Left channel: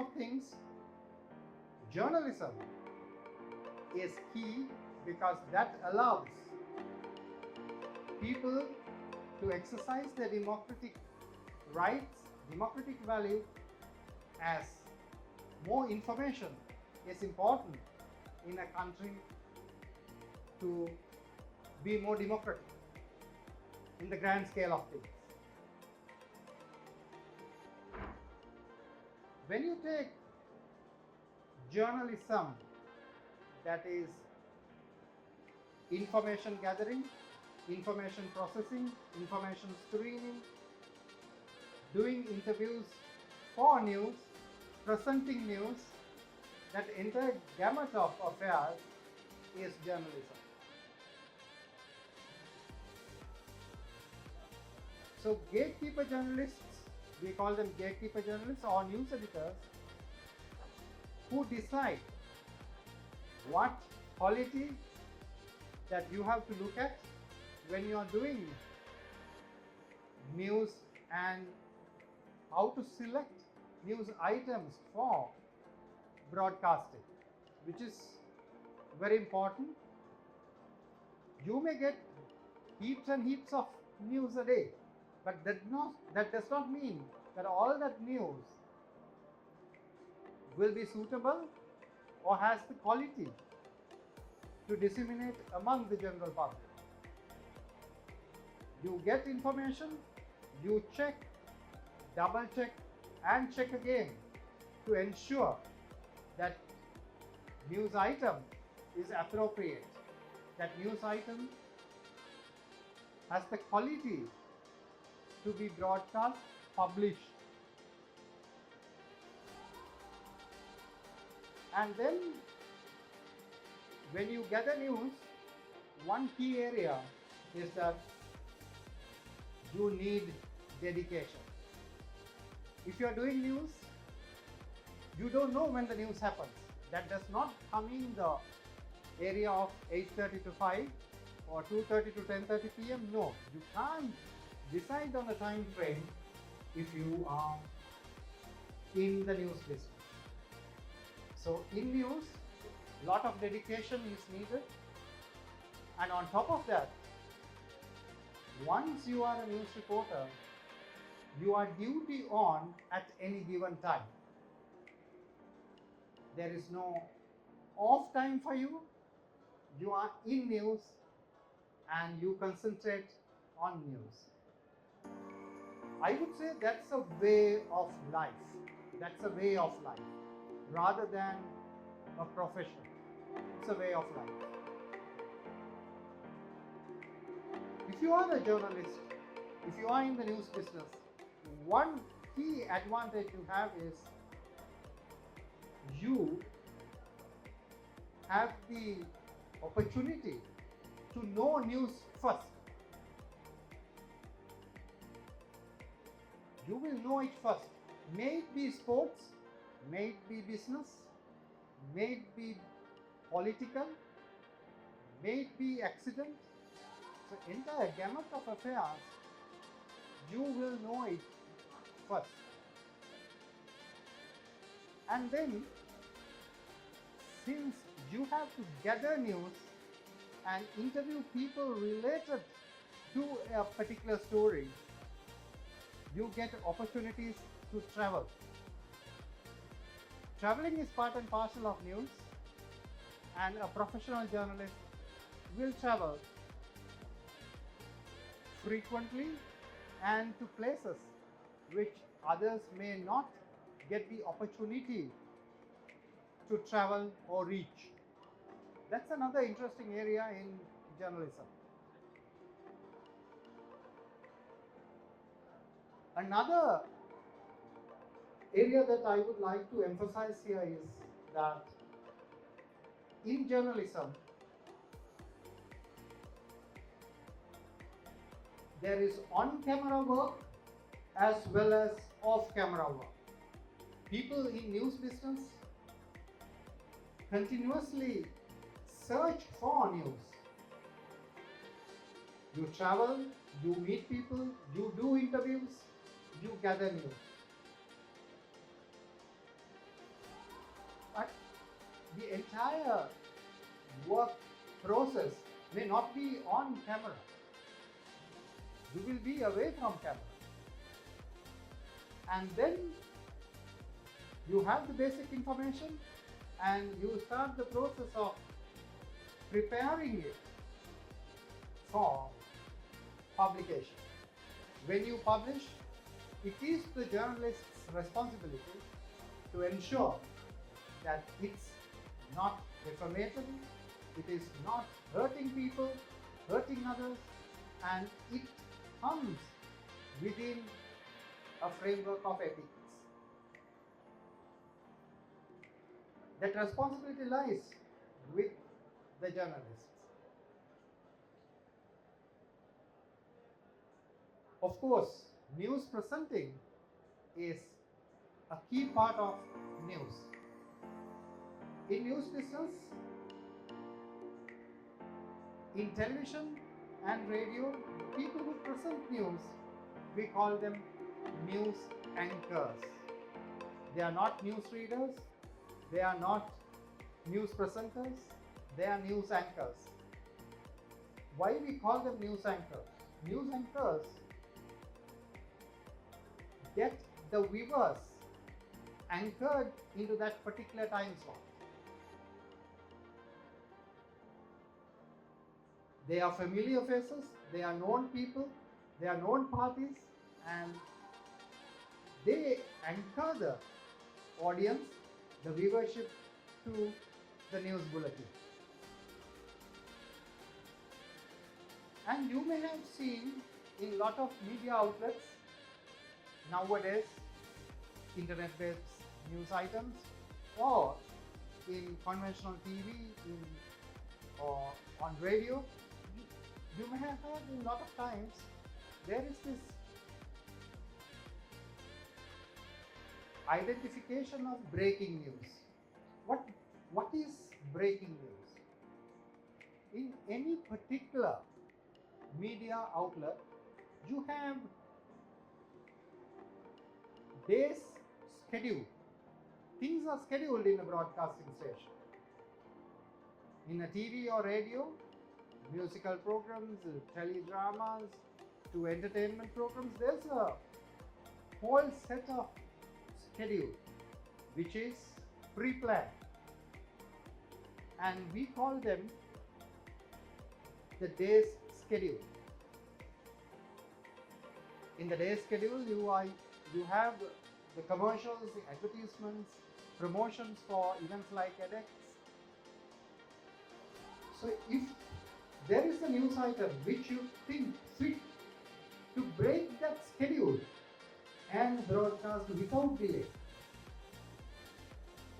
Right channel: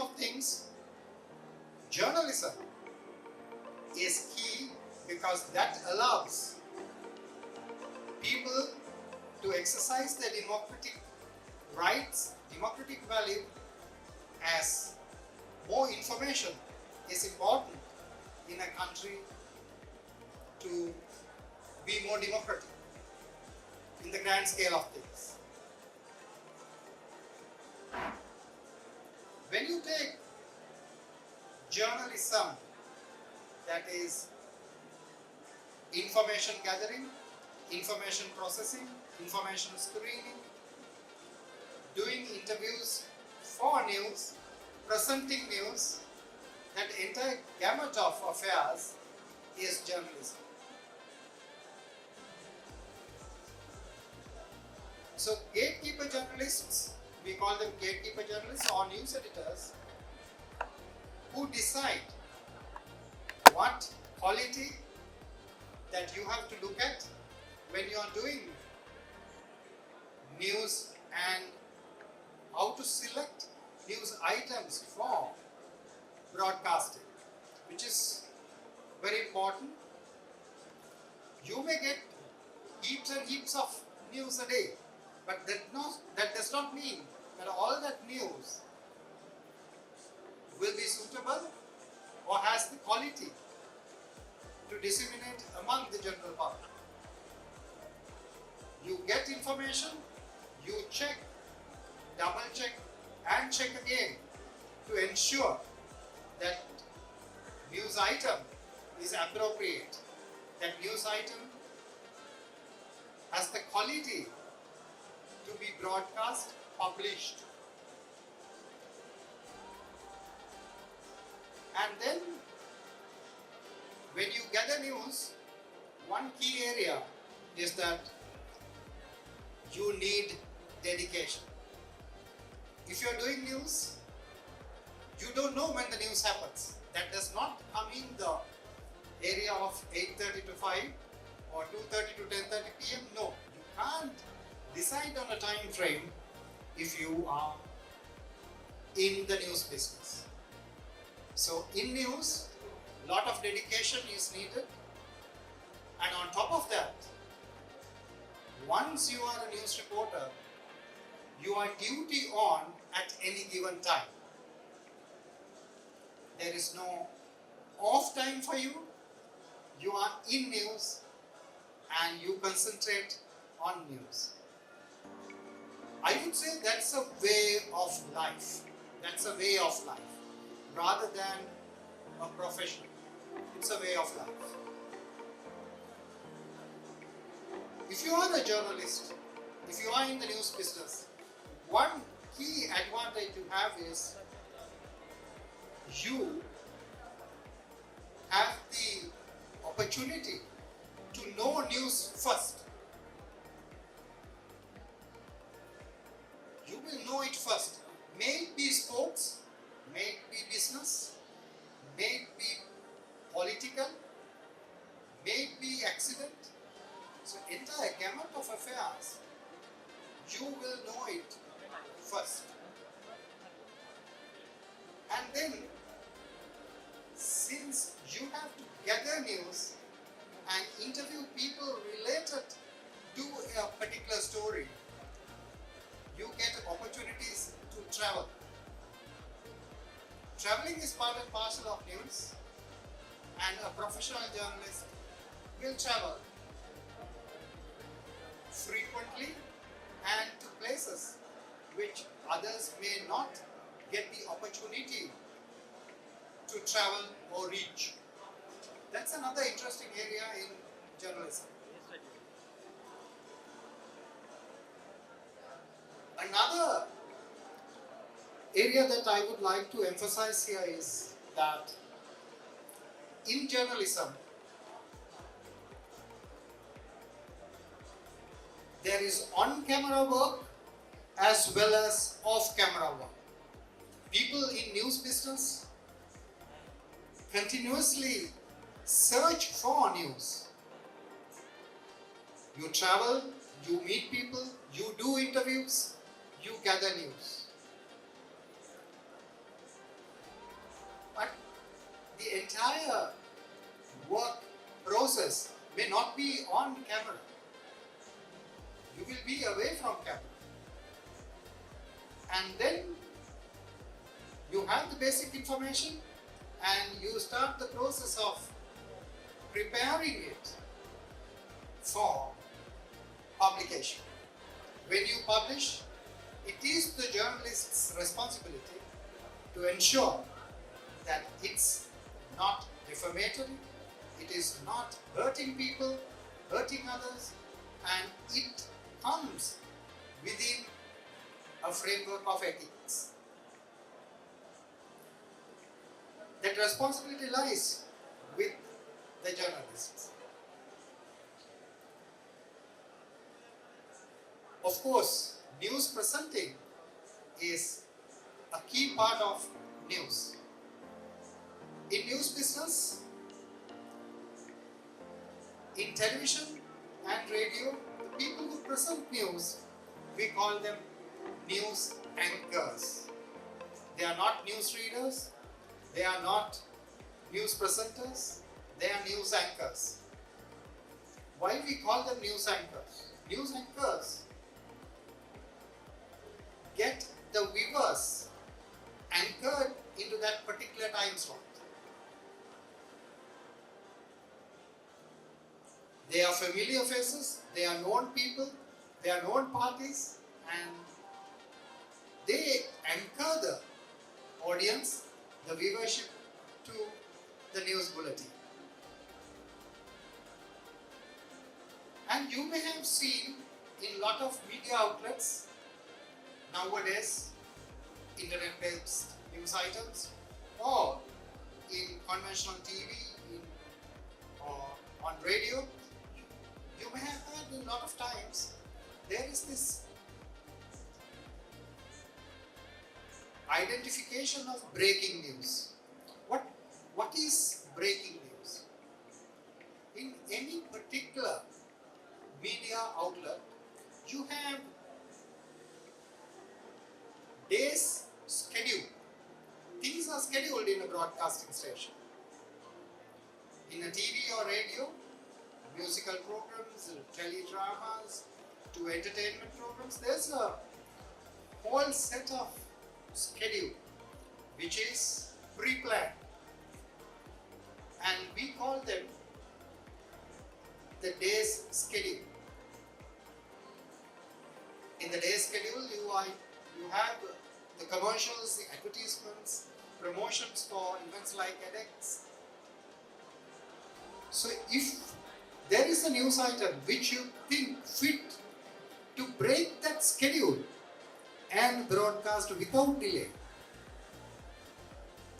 of things, journalism is key because that allows people to exercise their democratic rights, democratic value, as more information is important in a country to be more democratic in the grand scale of things. When you take journalism, that is information gathering, information processing, information screening, doing interviews for news, presenting news, that entire gamut of affairs is journalism. So gatekeeper journalists, we call them gatekeeper journalists or news editors, who decide what quality that you have to look at when you are doing news and how to select news items for broadcasting, which is very important. You may get heaps and heaps of news a day, but that does not mean that all that news will be suitable or has the quality to disseminate among the general public. You get information, you check, double check and check again to ensure that news item is appropriate, that news item has the quality to be broadcast, published. And then when you gather news, one key area is that you need dedication. If you are doing news, you don't know when the news happens. That does not come in the area of 8:30 to 5 or 2:30 to 10:30 p.m. No, you can't decide on a time frame if you are in the news business. So in news, a lot of dedication is needed, and on top of that, once you are a news reporter, you are duty on at any given time. There is no off time for you. You are in news and you concentrate on news. I would say that's a way of life. That's a way of life rather than a profession. It's a way of life. If you are a journalist, if you are in the news business, one key advantage you have is you have the opportunity to know news first. You will know it first. May it be sports, may it be business, may it be political, may it be accident. So entire gamut of affairs, you will know it first. And then, since you have to gather news and interview people related to a particular story, you get opportunities to travel. Traveling is part and parcel of news, and a professional journalist will travel frequently and to places which others may not get the opportunity to travel or reach. That's another interesting area in journalism. Another area that I would like to emphasize here is that in journalism, there is on-camera work as well as off-camera work. People in news business continuously search for news. You travel, you meet people, you do interviews, you gather news. you will be away from camera. And then you have the basic information and you start the process of preparing it for publication. When you publish, it is the journalist's responsibility to ensure that it's not defamatory, it is not hurting people, hurting others, and it comes within a framework of ethics. That responsibility lies with the journalists. Of course, news presenting is a key part of news. In news business, in television and radio, the people who present news, we call them news anchors. They are not news readers, they are not news presenters, they are news anchors. Why we call them news anchors? News anchors get the viewers anchored into that particular time slot. They are familiar faces, they are known people, they are known parties, and they anchor the audience, the viewership, to the news bulletin. And you may have seen in a lot of media outlets nowadays, internet-based news items, or in conventional TV, or on radio, you may have heard a lot of times there is this identification of breaking news. What is breaking news? In any particular media outlet, you have day's schedule. Things are scheduled in a broadcasting station. In a TV or radio, musical programs, teledramas, to entertainment programs, there's a whole set of schedule which is pre-planned, and we call them the day's schedule. In the day's schedule, you have the commercials, the advertisements, promotions for events like EDEX. So if there is a news item which you think fit to break that schedule and broadcast without delay,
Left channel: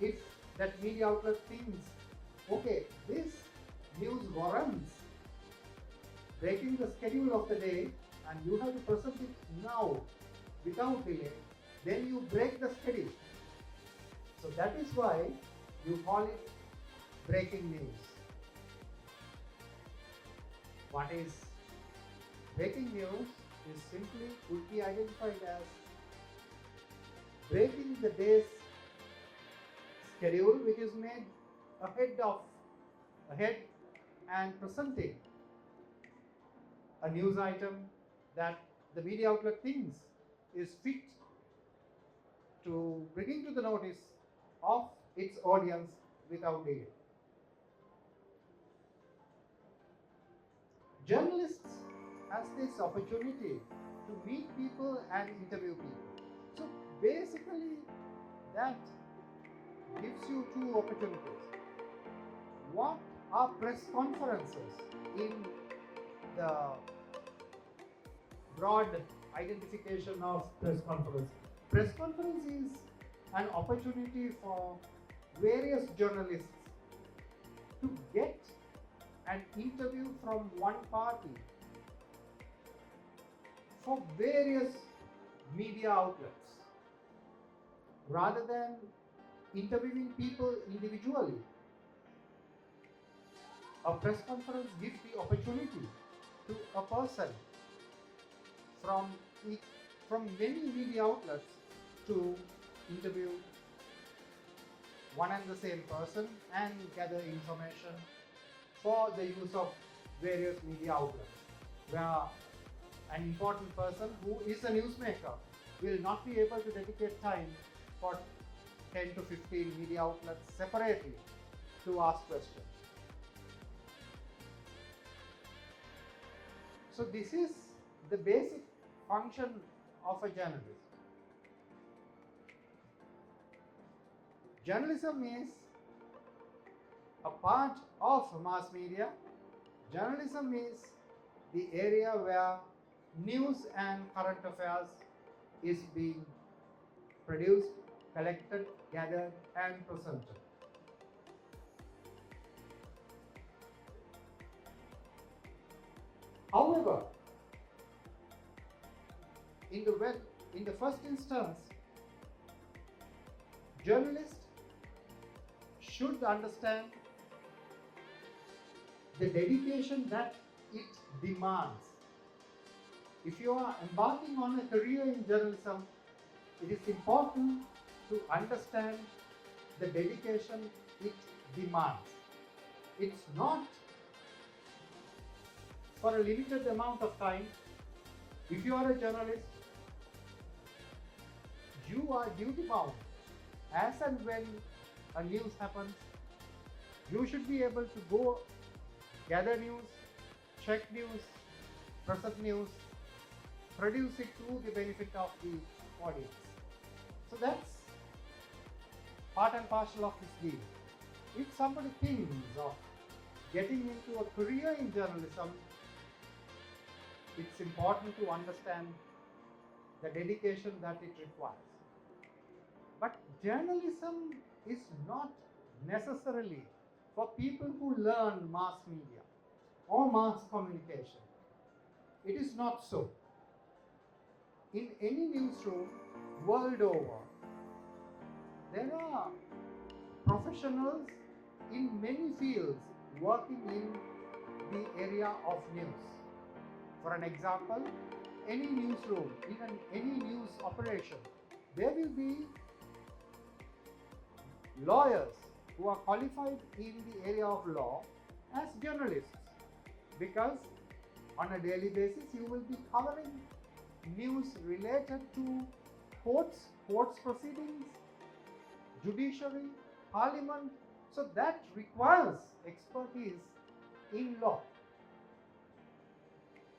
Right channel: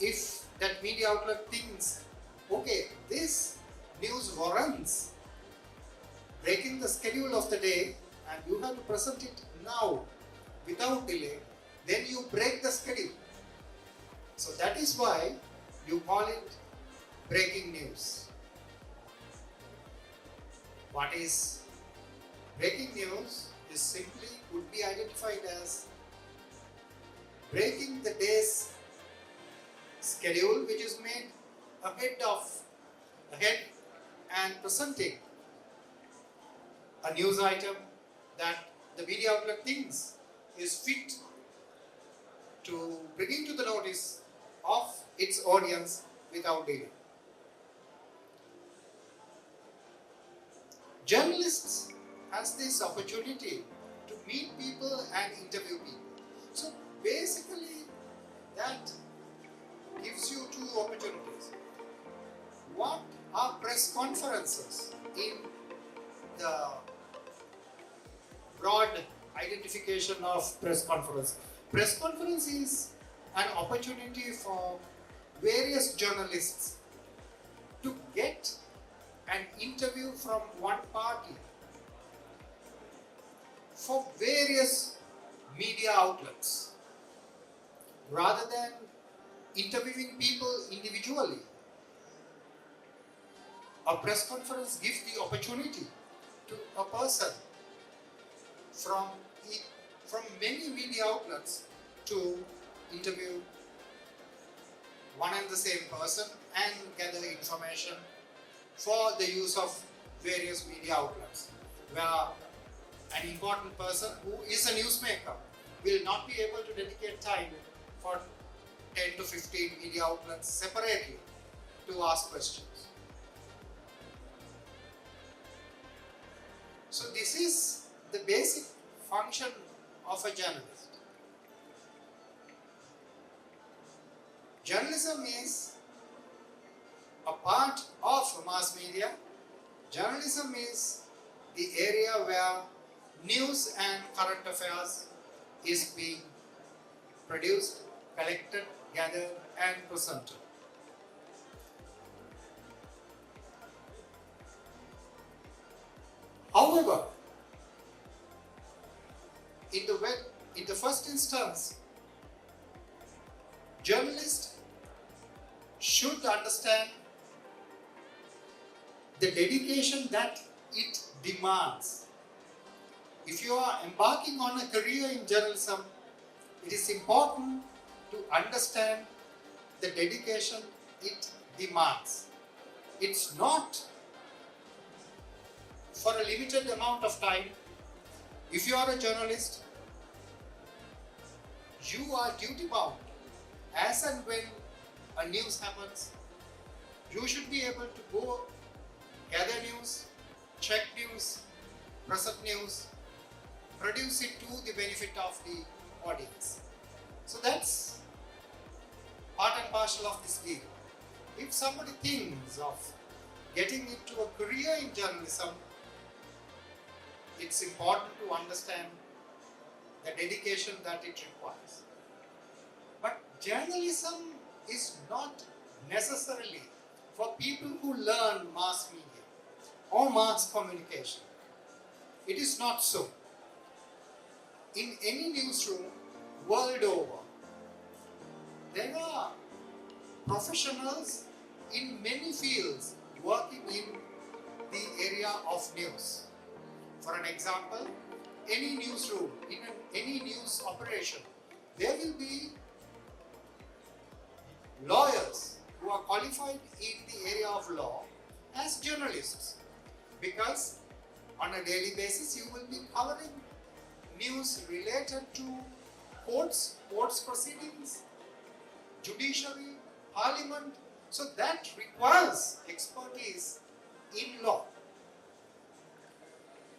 if that media outlet thinks, okay, this news warrants breaking the schedule of the day and you have to present it now without delay, then you break the schedule. So that is why you call it breaking news. What is breaking news is simply would be identified as breaking the day's schedule which is made ahead and presenting a news item that the media outlet thinks is fit to bring to the notice of its audience without delay. Journalists has this opportunity to meet people and interview people. So basically that gives you two opportunities. What are press conferences in the broad identification of press conference? Press conference is an opportunity for various journalists to get an interview from one party for various media outlets rather than interviewing people individually. A press conference gives the opportunity to a person from many media outlets to interview one and the same person and gather information for the use of various media outlets. Where an important person who is a newsmaker will not be able to dedicate time for 10 to 15 media outlets separately to ask questions. So this is the basic function of a journalist. Journalism is a part of mass media. Journalism is the area where news and current affairs is being produced, collected, gathered and presented. However, in the first instance, journalists should understand the dedication that it demands. If you are embarking on a career in journalism, it is important to understand the dedication it demands. It's not for a limited amount of time. If you are a journalist, you are duty bound. As and when a news happens, you should be able to go gather news, check news, present news, produce it to the benefit of the audience. So that's part and parcel of this deal. If somebody thinks of getting into a career in journalism, it's important to understand the dedication that it requires. But journalism is not necessarily for people who learn mass media or mass communication. It is not so. In any newsroom world over, there are professionals in many fields working in the area of news. For an example, any newsroom, in any news operation, there will be lawyers who are qualified in the area of law as journalists, because on a daily basis you will be covering news related to courts proceedings, judiciary, parliament. So that requires expertise in law.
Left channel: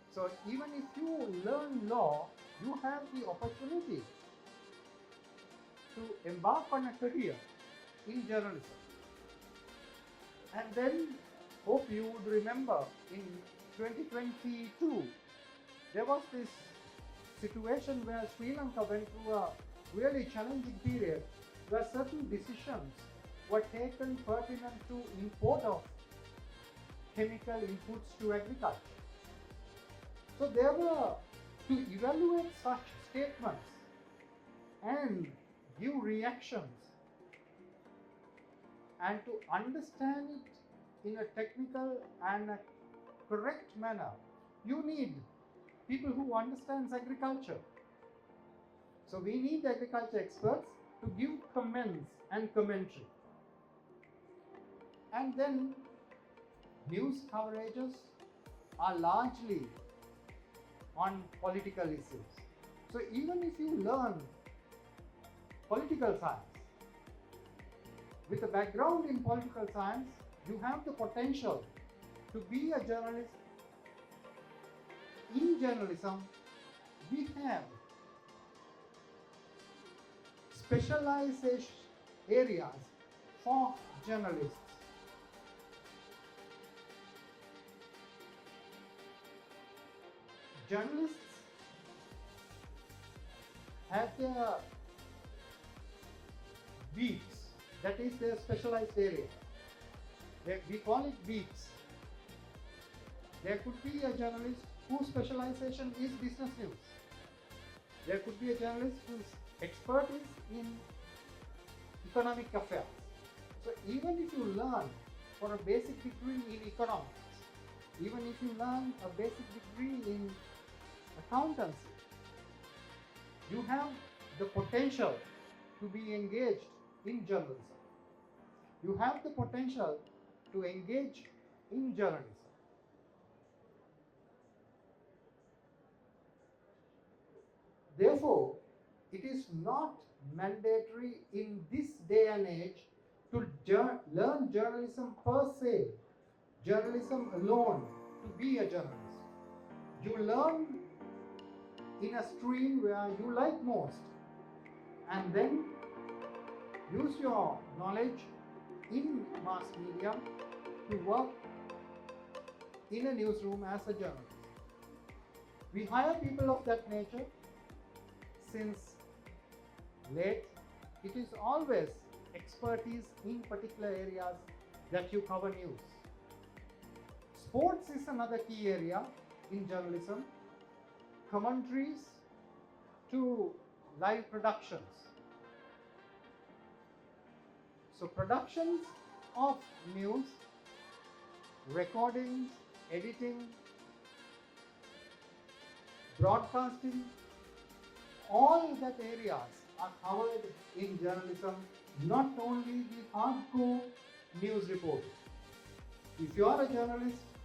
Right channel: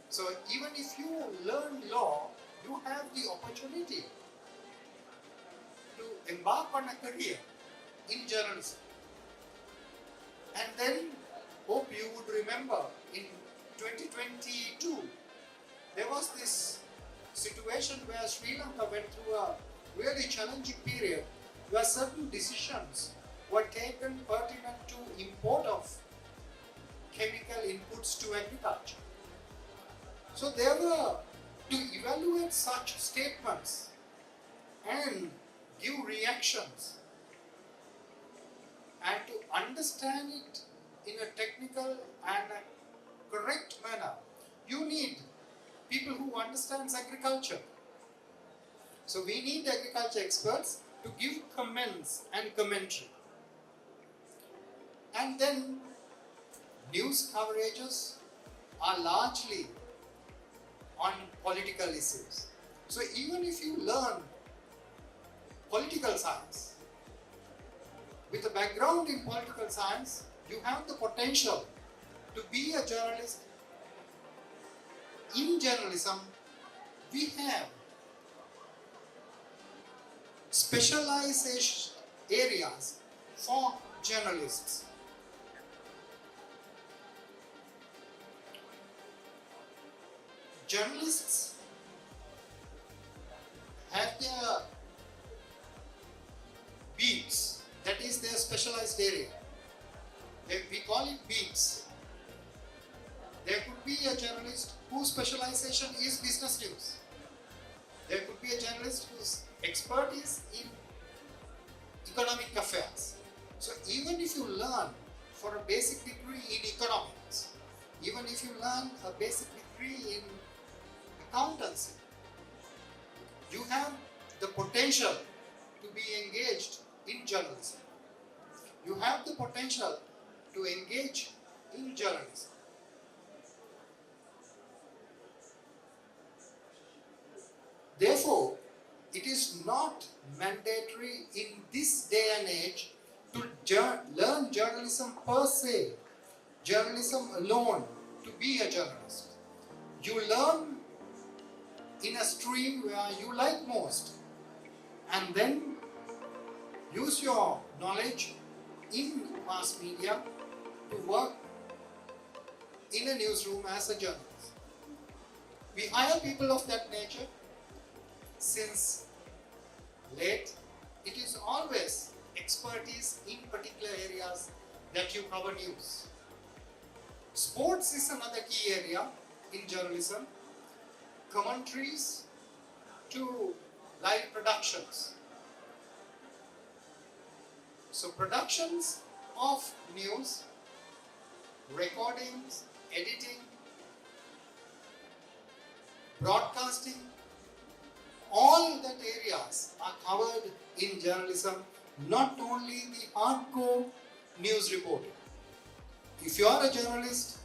So even if you learn law, you have the opportunity to embark on a career in journalism. And then, hope you would remember, in 2022, there was this situation where Sri Lanka went through a really challenging period where certain decisions were taken pertinent to import of chemical inputs to agriculture. So there were, to evaluate such statements and give reactions and to understand it in a technical and a correct manner, you need people who understands agriculture. So we need agriculture experts to give comments and commentary. And then news coverages are largely on political issues. So even if you learn political science, with a background in political science, you have the potential to be a journalist. In journalism, we have specialization areas for journalists. Journalists have their beats, that is their specialized area. We call it beats. There could be a journalist whose specialization is business news. There could be a journalist whose expertise in economic affairs. So even if you learn for a basic degree in economics, even if you learn a basic degree in accountancy, you have the potential to be engaged in journalism. You have the potential to engage in journalism. Therefore, it is not mandatory in this day and age to learn journalism per se, journalism alone, to be a journalist. You learn in a stream where you like most, and then use your knowledge in mass media to work in a newsroom as a journalist. We hire people of that nature since late. It is always expertise in particular areas that you cover news. Sports is another key area in journalism. Commentaries to live productions. So productions of news, recordings, editing, broadcasting, all that areas are covered in journalism, not only the hardcore news reporting. If you are a journalist,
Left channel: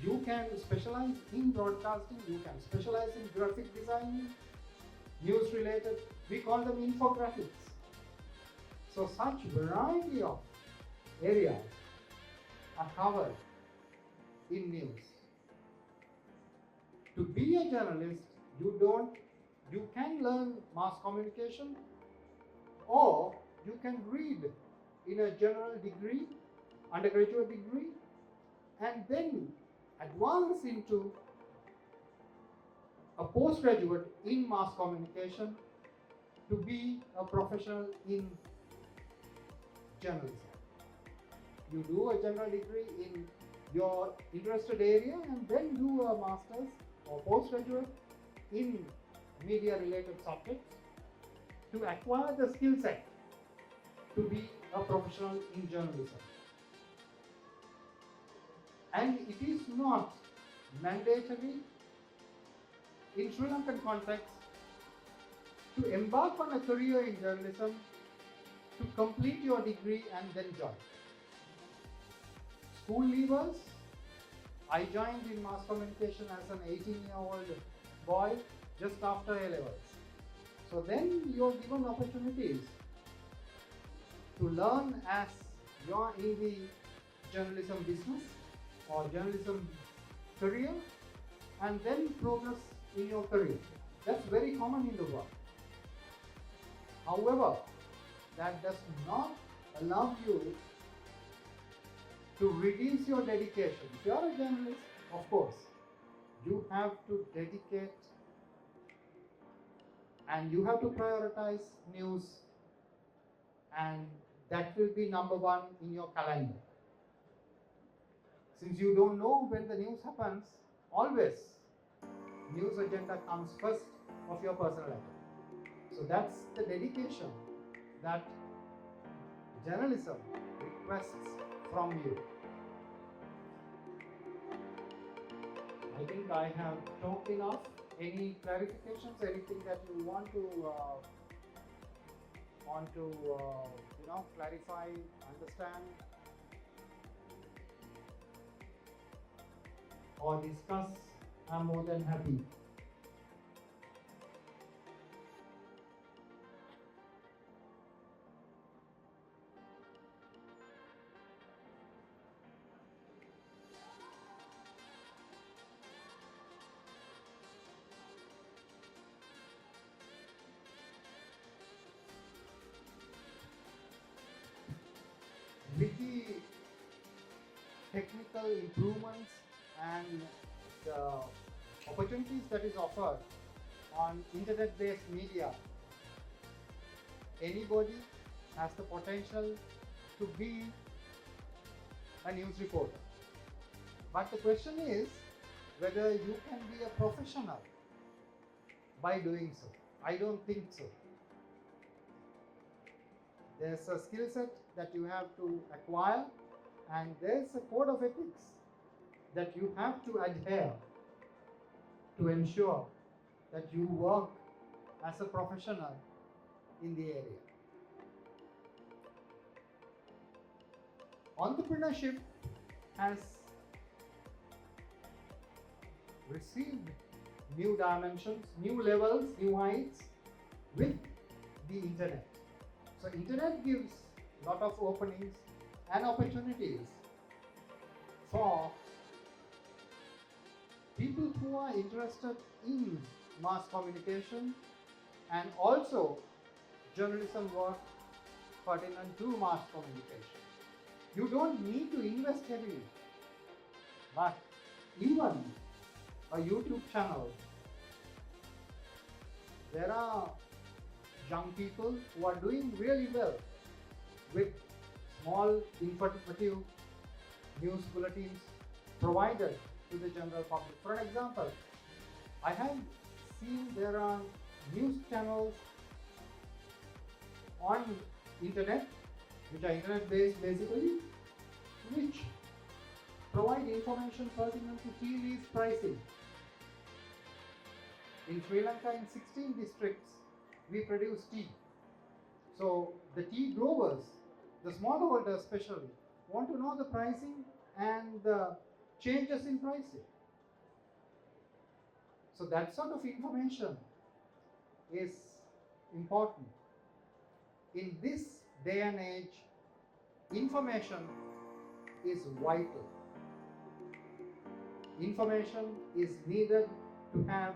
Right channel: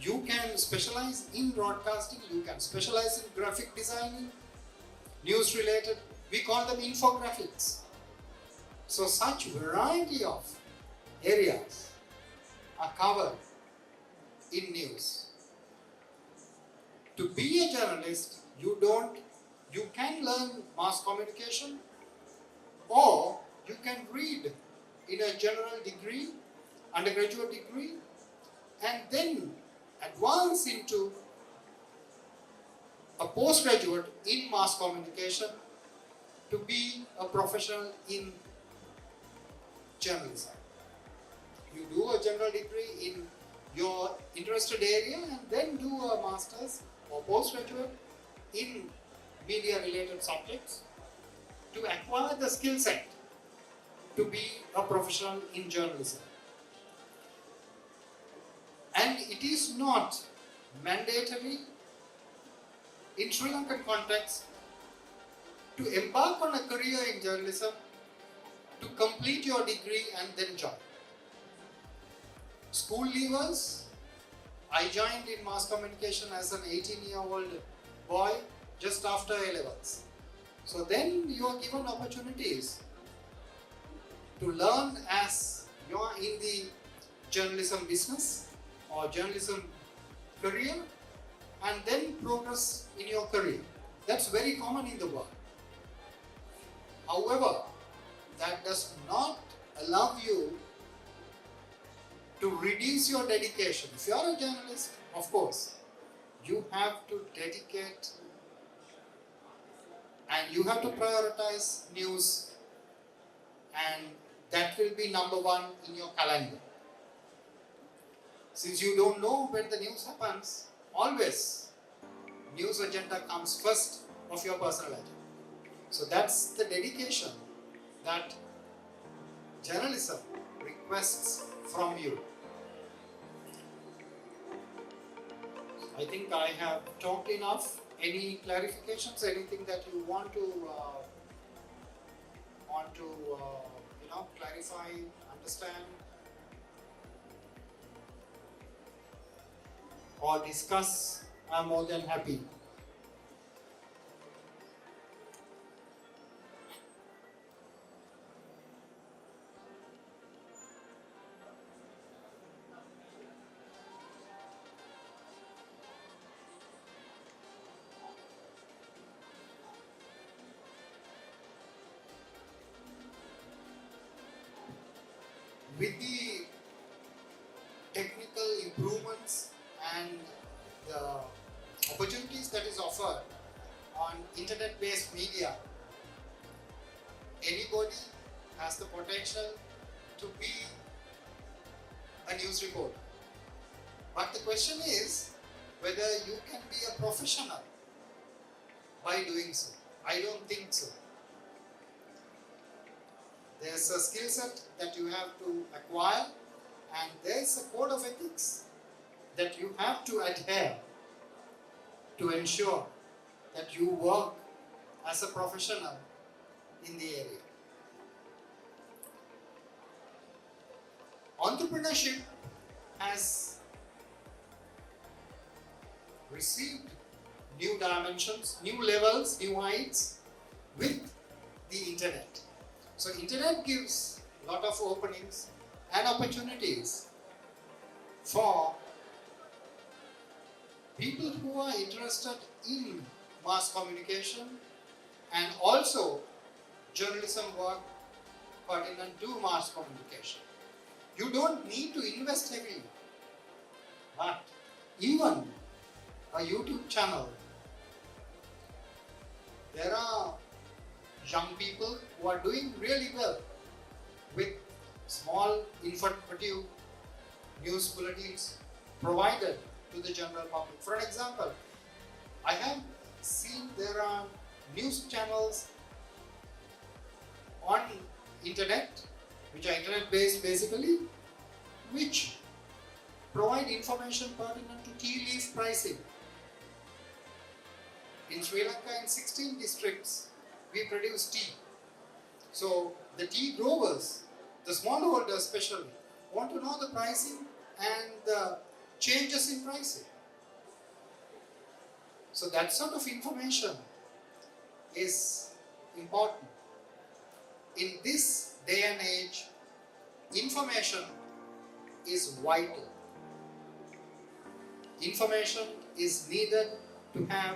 you can specialize in broadcasting, you can specialize in graphic designing, news related, we call them infographics. So such variety of areas are covered in news. To be a journalist, you can learn mass communication, or you can read in a general degree, undergraduate degree, and then advance into a postgraduate in mass communication to be a professional in journalism. You do a general degree in your interested area and then do a master's or postgraduate in media related subjects to acquire the skill set to be a professional in journalism. And it is not mandatory in Sri Lankan context to embark on a career in journalism to complete your degree and then join. School leavers, I joined in mass communication as an 18-year-old boy just after A-levels. So then you are given opportunities to learn as you are in the journalism business or journalism career, and then progress in your career. That's very common in the world. However, that does not allow you to reduce your dedication. If you are a journalist, of course, you have to dedicate and you have to prioritize news, and that will be number one in your calendar. Since you don't know when the news happens, always news agenda comes first of your personal agenda. So that's the dedication that journalism requests from you. I think I have talked enough. Any clarifications? Anything that you want to clarify, understand, or discuss? I'm more than happy. With the technical improvements and the opportunities that is offered on internet-based media, anybody has the potential to be a news reporter. But the question is whether you can be a professional by doing so. I don't think so. There's a skill set that you have to acquire, and there's a code of ethics that you have to adhere to ensure that you work as a professional in the area. Entrepreneurship has received new dimensions, new levels, new heights with the internet. So internet gives a lot of openings and opportunities for people who are interested in mass communication and also journalism work pertinent to mass communication. You don't need to invest heavily, but even a YouTube channel, there are young people who are doing really well with small informative news bulletins provided to the general public. For example, I have seen there are news channels on internet, which are internet based basically, which provide information pertinent to tea leaf pricing. In Sri Lanka, in 16 districts, we produce tea. So the tea growers, the smallholders especially, want to know the pricing and the changes in pricing. So that sort of information is important. In this day and age, information is vital. Information is needed to have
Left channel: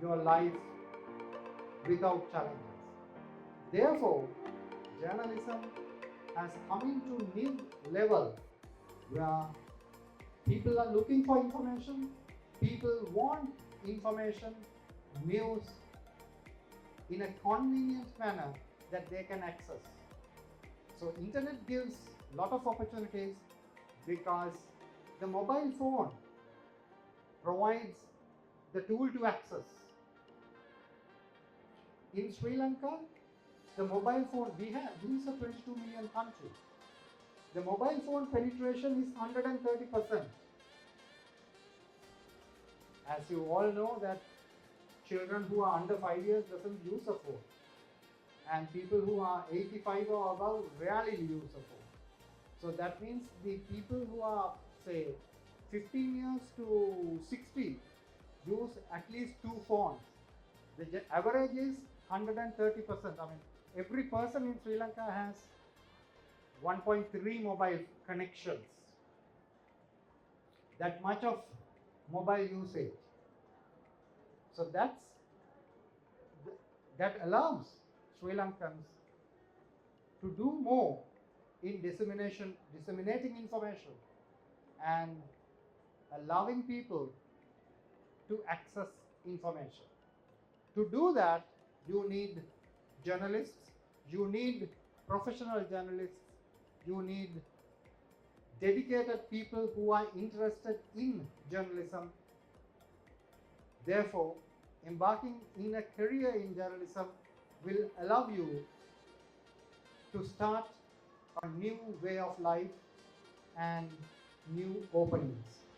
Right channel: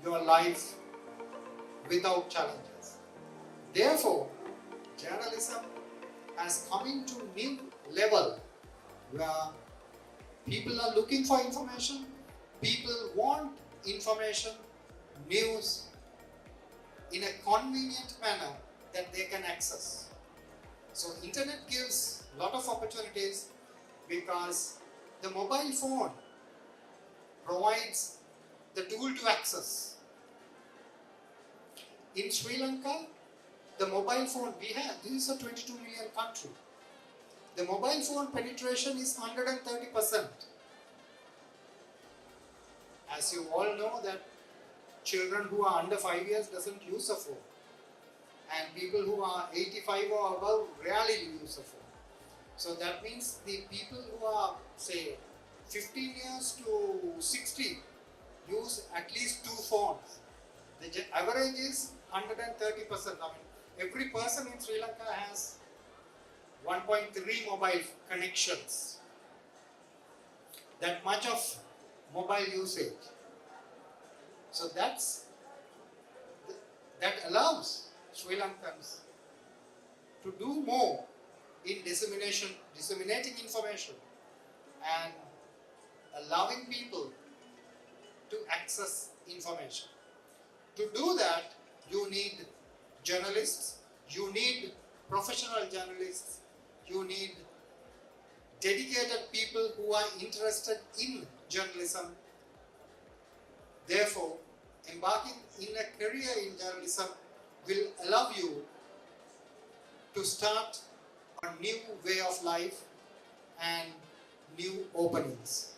your life without challenges. Therefore, journalism has come into new level where people are looking for information, people want information, news in a convenient manner that they can access. So internet gives a lot of opportunities because the mobile phone provides the tool to access. In Sri Lanka, the mobile phone, this is a 22 million country. The mobile phone penetration is 130%. As you all know that children who are under 5 years doesn't use a phone. And people who are 85 or above rarely use a phone. So that means the people who are, say, 15 years to 60 use at least 2 phones. The average is 130%. I mean, every person in Sri Lanka has 1.3 mobile connections. That much of mobile usage. So that allows Sri Lankans to do more in disseminating information and allowing people to access information. To do that, you need journalists, you need professional journalists, you need dedicated people who are interested in journalism. Therefore, embarking in a career in journalism will allow you to start a new way of life and new openings.